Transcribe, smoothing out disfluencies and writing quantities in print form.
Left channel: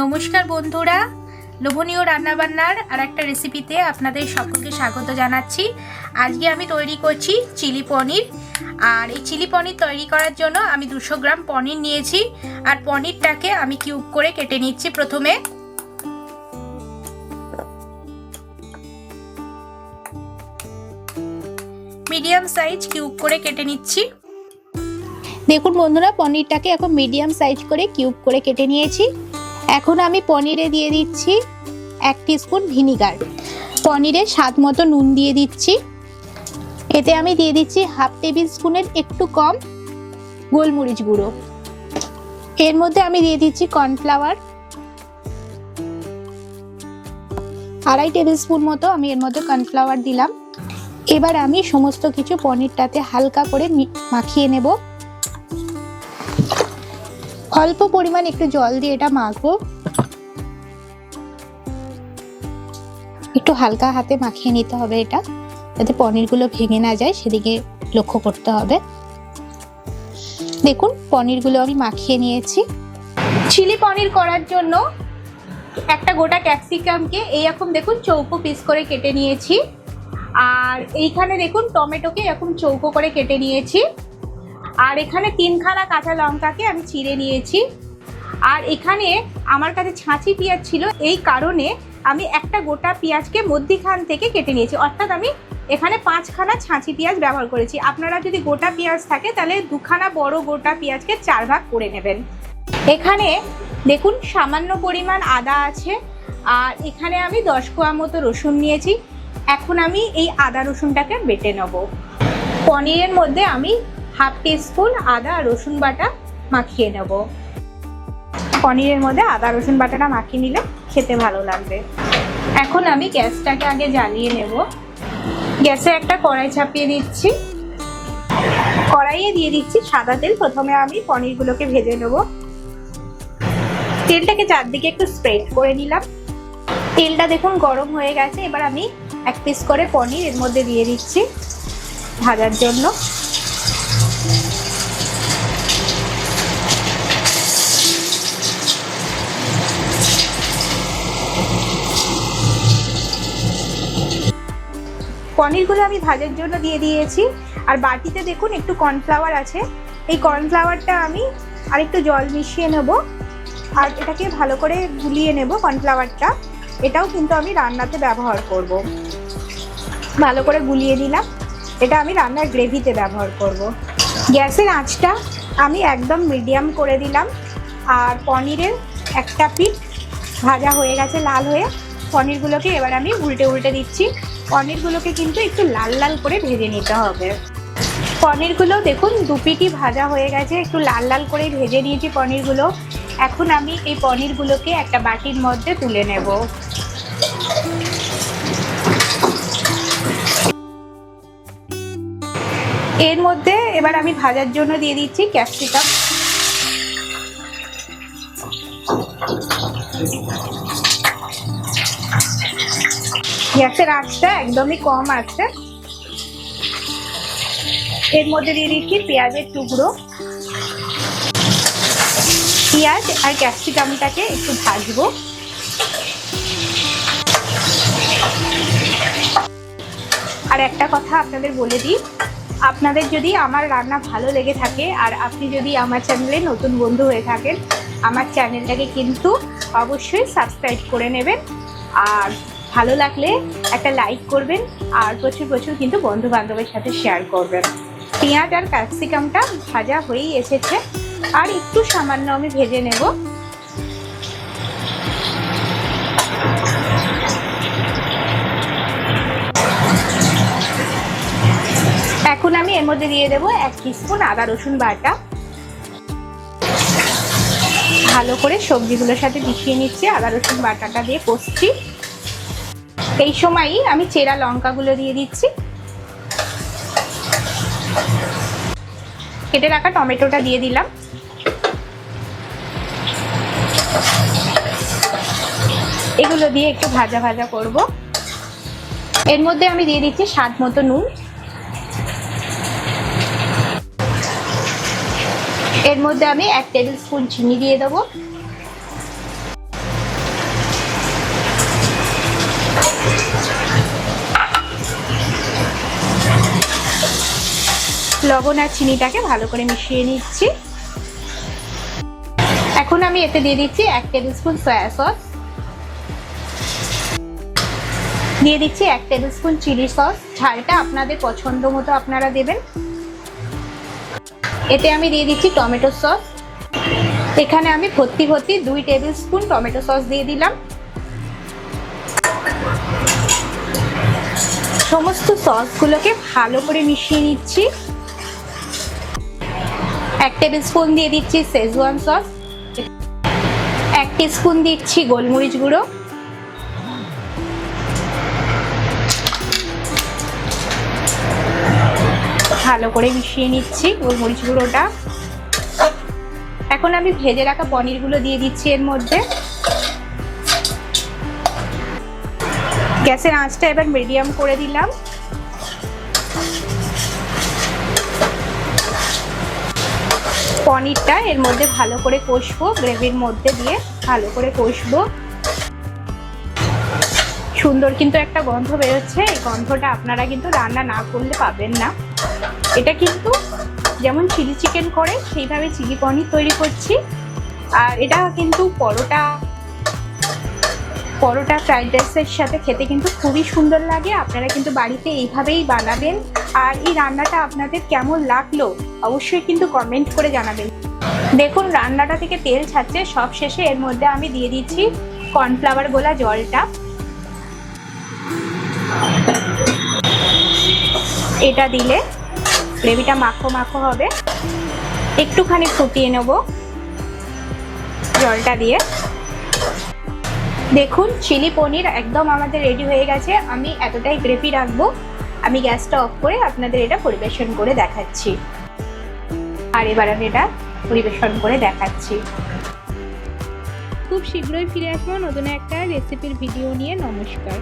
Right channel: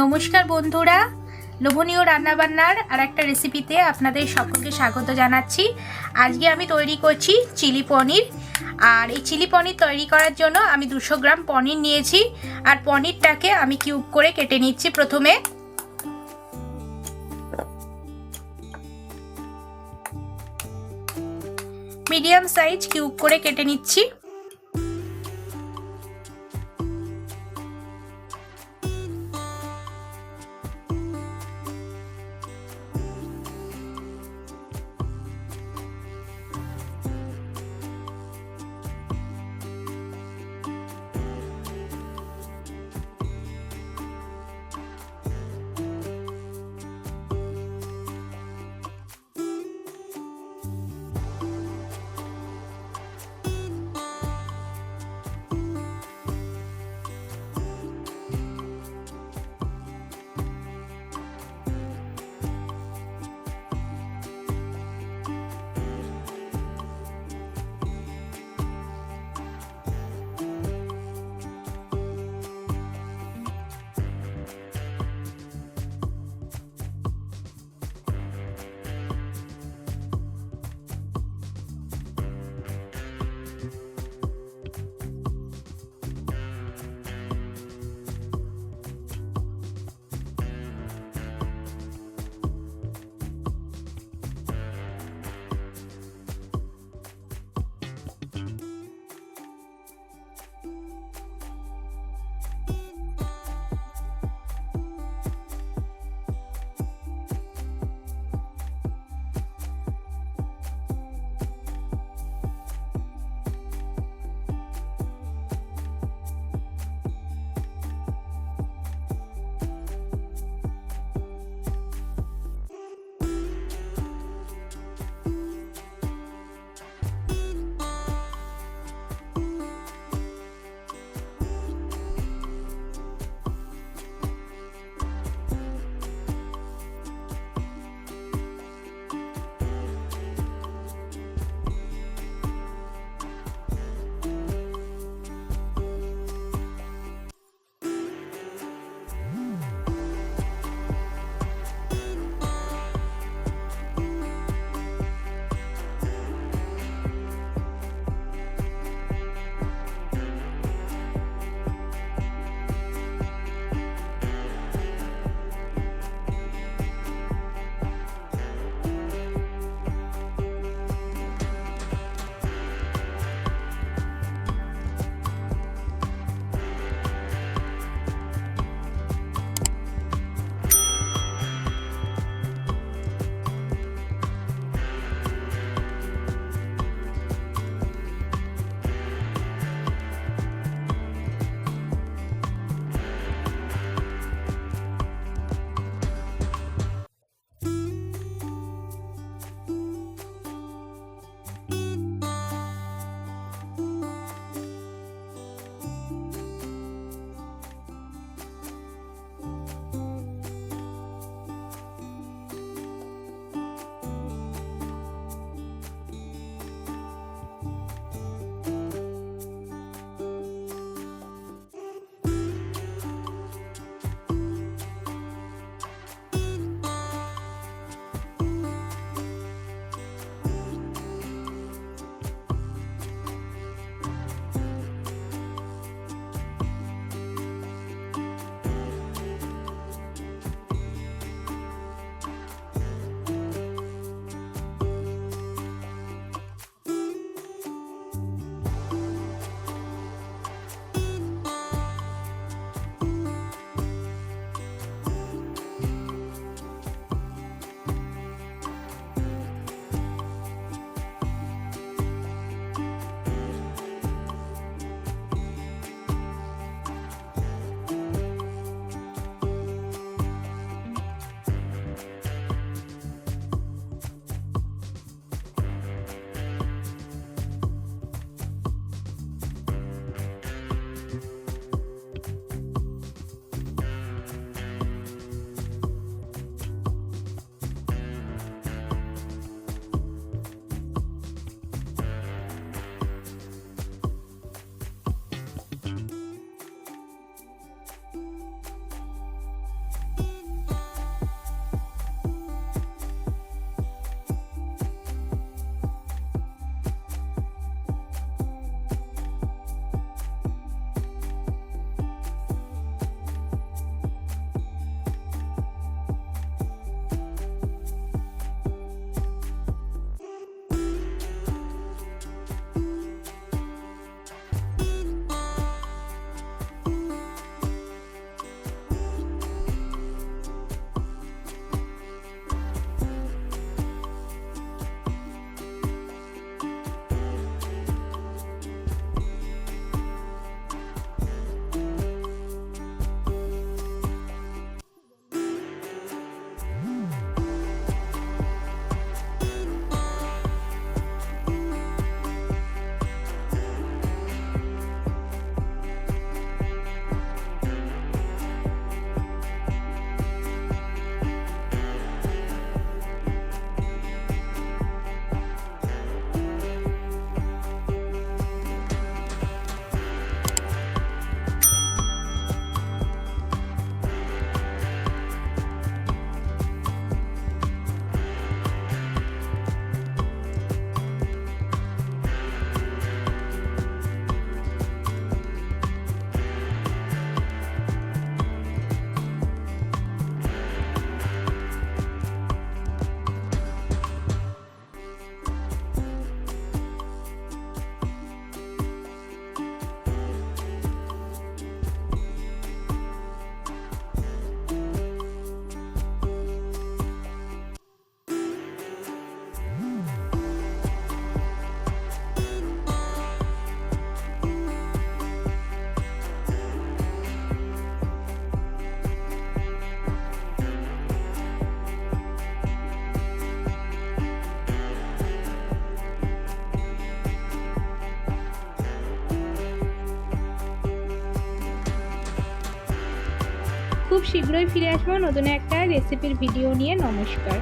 নমস্কার বন্ধুরা, লোভনীয় রান্নাবান্নার আর একটা রেসিপিতে আপনাদের সকলকে স্বাগত জানাচ্ছি। আজকে আমি তৈরি করছি চিলি পনির। আর এই চিলি পনির তৈরি করার জন্য আমি 200 গ্রাম পনির নিয়েছি। আর পনিরটাকে আমি কিউব করে কেটে নিচ্ছি। প্রথমে মিডিয়াম সাইজ কিউব করে কেটে নিচ্ছি। দেখুন বন্ধুরা, পনিরটাকে এখন মিডিয়াম সাইজ করে কিউব করে কেটে নিয়েছি। এখন আমি পনিরে দিয়ে দিচ্ছি 1 টিস্পুন ভিনিগার। পনিরে স্বাদ মতো নুন দিয়ে দিচ্ছি। এতে আমি দিয়ে দিচ্ছি হাফ টেবিল স্পুনের একটু কম গোলমরিচ গুঁড়ো। এর মধ্যে আমি দিয়ে দিচ্ছি কর্নফ্লাওয়ার 2.5 টেবিল স্পুন মতো আমি এর মধ্যে কর্নফ্লাওয়ার দিলাম। এবার আমি সমস্ত কিছু পনিরটাতে হালকা করে মাখিয়ে নেব। অল্প পরিমাণ একটু জল দিয়ে এটা মাখবো। একটু হালকা হাতে মাখিয়ে নিতে হবে এটা, যাতে পনিরগুলো ভেঙে না যায়, সেদিকে লক্ষ্য করতে হবে। দেখুন পনিরগুলো আমি মাখিয়ে নিয়েছি। চিলি পনির করার জন্য একটা গোটা ক্যাপসিকামকে এইরকম দেখুন চৌকো পিস করে কেটে নিয়েছি। আর এইখানে দেখুন টমেটোকে এরকম চৌকো করে কেটে নিয়েছি। আর এখানে 3খানা কাঁচা লঙ্কাকে আমি চিড়ে নিয়েছি। আর এখানে আমার কাছে ছাঁচি পেঁয়াজ ছিল, এই কারণে আমি একটা গোটা পেঁয়াজকে মধ্যিখান থেকে কেটে নিয়েছি। অর্থাৎ আমি এখানে 5খানা ছাঁচি পেঁয়াজ ব্যবহার করেছি। আপনারা যদি গোটা পেঁয়াজ থাকে তাহলে 2খানা বড় গোটা পেঁয়াজকে 4 ভাগ করে নেবেন। এখানে দেখুন সামান্য পরিমাণ আদা আছে। আর এখানে আমি 10 কোয়া মতো রসুন নিয়েছি। এখন আমি এই আদা রসুনটাকে বেটে নেব। পনিরের মধ্যে আমি হাফ টিস্পুন আদা আর রসুন বাটা মাখিয়ে নেব। পনিরের মধ্যে আদা রসুন বাটাটা মাখিয়ে নিলে খেতে ভালো লাগবে। এখন আমি গ্যাসটাকে আগে জ্বালিয়ে নেব। গ্যাসে একটা কড়াই চাপিয়ে দিচ্ছি। কড়াইয়ে দিয়ে দিচ্ছি সাদা তেল। প্রথমে আমি পনিরগুলোকে ভেজে নেব। তেলটাকে চারদিকে একটু স্প্রেড করে নিলাম। তেলটা দেখুন গরম হয়ে গেছে। এবার আমি 1 পিস করে পনির এর মধ্যে দিয়ে দিচ্ছি ভাজার জন্য। পনিরগুলো আমি ভাজার জন্য দিয়ে দিয়েছি। আর বাটিতে দেখুন একটু কর্নফ্লাওয়ার আছে। এই কর্নফ্লাওয়ারটা আমি আরেকটু জল মিশিয়ে নেব। আর এটাকে ভালো করে গুলিয়ে নেব কর্নফ্লাওয়ারটা। এটাও কিন্তু আমি রান্নাতে ব্যবহার করব। ভালো করে গুলিয়ে নিলাম। এটা আমি রান্নার গ্রেভিতে ব্যবহার করব। গ্যাসের আঁচটা আমি একদম মিডিয়াম করে দিলাম। আর পনিরের একটা পিঠ ভাজা হয়ে গেছে লাল হয়ে। পনিরগুলোকে এবার আমি উল্টে উল্টে দিচ্ছি। পনিরগুলোকে কিন্তু একটু লাল লাল করে ভেজে নিতে হবে। পনিরগুলো দেখুন 2 পিঠই ভাজা হয়ে গেছে। একটু লাল লাল করে ভেজে নিয়েছি পনিরগুলো। এখন আমি এই পনিরগুলোকে একটা বাটির মধ্যে তুলে নেব। এর মধ্যে এবার আমি ভাজার জন্য দিয়ে দিচ্ছি ক্যাপসিকাম। গ্যাসের আঁচটা একদমই কম আছে। এর মধ্যে দিয়ে দিচ্ছি পেঁয়াজের টুকরো। পেঁয়াজ আর ক্যাপসিকামটাকে একটু ভাজবো। আর একটা কথা আপনাদের বলে দিই, আপনাদের যদি আমার রান্না ভালো লেগে থাকে আর আপনি যদি আমার চ্যানেলে নতুন বন্ধু হয়ে থাকেন, আমার চ্যানেলটাকে কিন্তু অবশ্যই সাবস্ক্রাইব করে নেবেন। আর ভালো লাগলে একটা লাইক করবেন। আর প্রচুর প্রচুর কিন্তু বন্ধু বান্ধবের সাথে শেয়ার করবেন। পেঁয়াজ আর ক্যাপসিকামটা ভাজা হয়েই এসেছে। আর একটু সামান্য আমি ভেজে নেব। এখন আমি এর মধ্যে দিয়ে দেবো 1 টিস্পুন আদা রসুন বাটা। ভালো করে সবজিগুলোর সাথে মিশিয়ে নিচ্ছি। আদা রসুন বাটাটা দিয়ে কষছি। এই সময়ই আমি চেরা লঙ্কাগুলো দিয়ে দিচ্ছি। কেটে রাখা টমেটোটা দিয়ে দিলাম। এগুলো দিয়ে একটু ভাজা ভাজা করব। এর মধ্যে আমি দিয়ে দিচ্ছি স্বাদ মতো নুন। এর মধ্যে আমি 1 টেবিল স্পুন চিনি দিয়ে দেবো। লবণ আর চিনিটাকে ভালো করে মিশিয়ে নিচ্ছি। এখন আমি এতে দিয়ে দিচ্ছি 1 টেবিল স্পুন সয়া সস, দিয়ে দিচ্ছি 1 টেবিল স্পুন চিলি সস, ঝালটা আপনাদের পছন্দ মতো আপনারা দেবেন। এতে আমি দিয়ে দিচ্ছি টমেটো সস, এখানে আমি ভর্তি 2 টেবিল স্পুন টমেটো সস দিয়ে দিলাম। সমস্ত সসগুলোকে ভালো করে মিশিয়ে নিচ্ছি। 1 টেবিল স্পুন দিয়ে দিচ্ছি শেজওয়ান সস, 1 টিস্পুন দিচ্ছি গোলমরিচ গুঁড়ো, ভালো করে মিশিয়ে নিচ্ছি গোলমরিচ গুঁড়োটা। এখন আমি ভেজে রাখা পনিরগুলো দিয়ে দিচ্ছি এর মধ্যে। গ্যাসের আঁচটা এবার মিডিয়াম করে দিলাম। পনিরটা এর মধ্যে ভালো করে কষবো, গ্রেভির মধ্যে দিয়ে ভালো করে কষবো। সুন্দর কিন্তু একটা গন্ধ বেরোচ্ছে, এই গন্ধটা আপনারা কিন্তু রান্না না করলে পাবেন না। এটা কিন্তু যেমন চিলি চিকেন করে সেইভাবে চিলি পনির তৈরি করছি। আর এটা কিন্তু পরোটা ফ্রাইড রাইসের সাথে খেতে কিন্তু খুবই সুন্দর লাগে। আপনারা কিন্তু বাড়িতে এইভাবেই বানাবেন। আর এই রান্নাটা আপনাদের কেমন লাগলো অবশ্যই কিন্তু কমেন্ট করে জানাবেন। দেখুন রান্নাটা থেকে তেল ছাড়ছে, সব শেষে এর মধ্যে আমি দিয়ে দিচ্ছি কর্নফ্লাওয়ার গোলা জলটা। এটা দিলে গ্রেভিটা মাখো মাখো হবে। একটুখানি ফুটিয়ে নেব জলটা দিয়ে। দেখুন চিলি পনির একদম আমাদের রেডি হয়ে গেছে। আমি এতটাই গ্রেভি রাখবো। আমি গ্যাসটা অফ করে আপনাদের এটা পরিবেশন করে দেখাচ্ছি। আর এবার আমি এটা পরিবেশন করে দেখাচ্ছি। খুব শীঘ্রই ফিরে আসবো নতুন একটা রেসিপির ভিডিও নিয়ে। নমস্কার।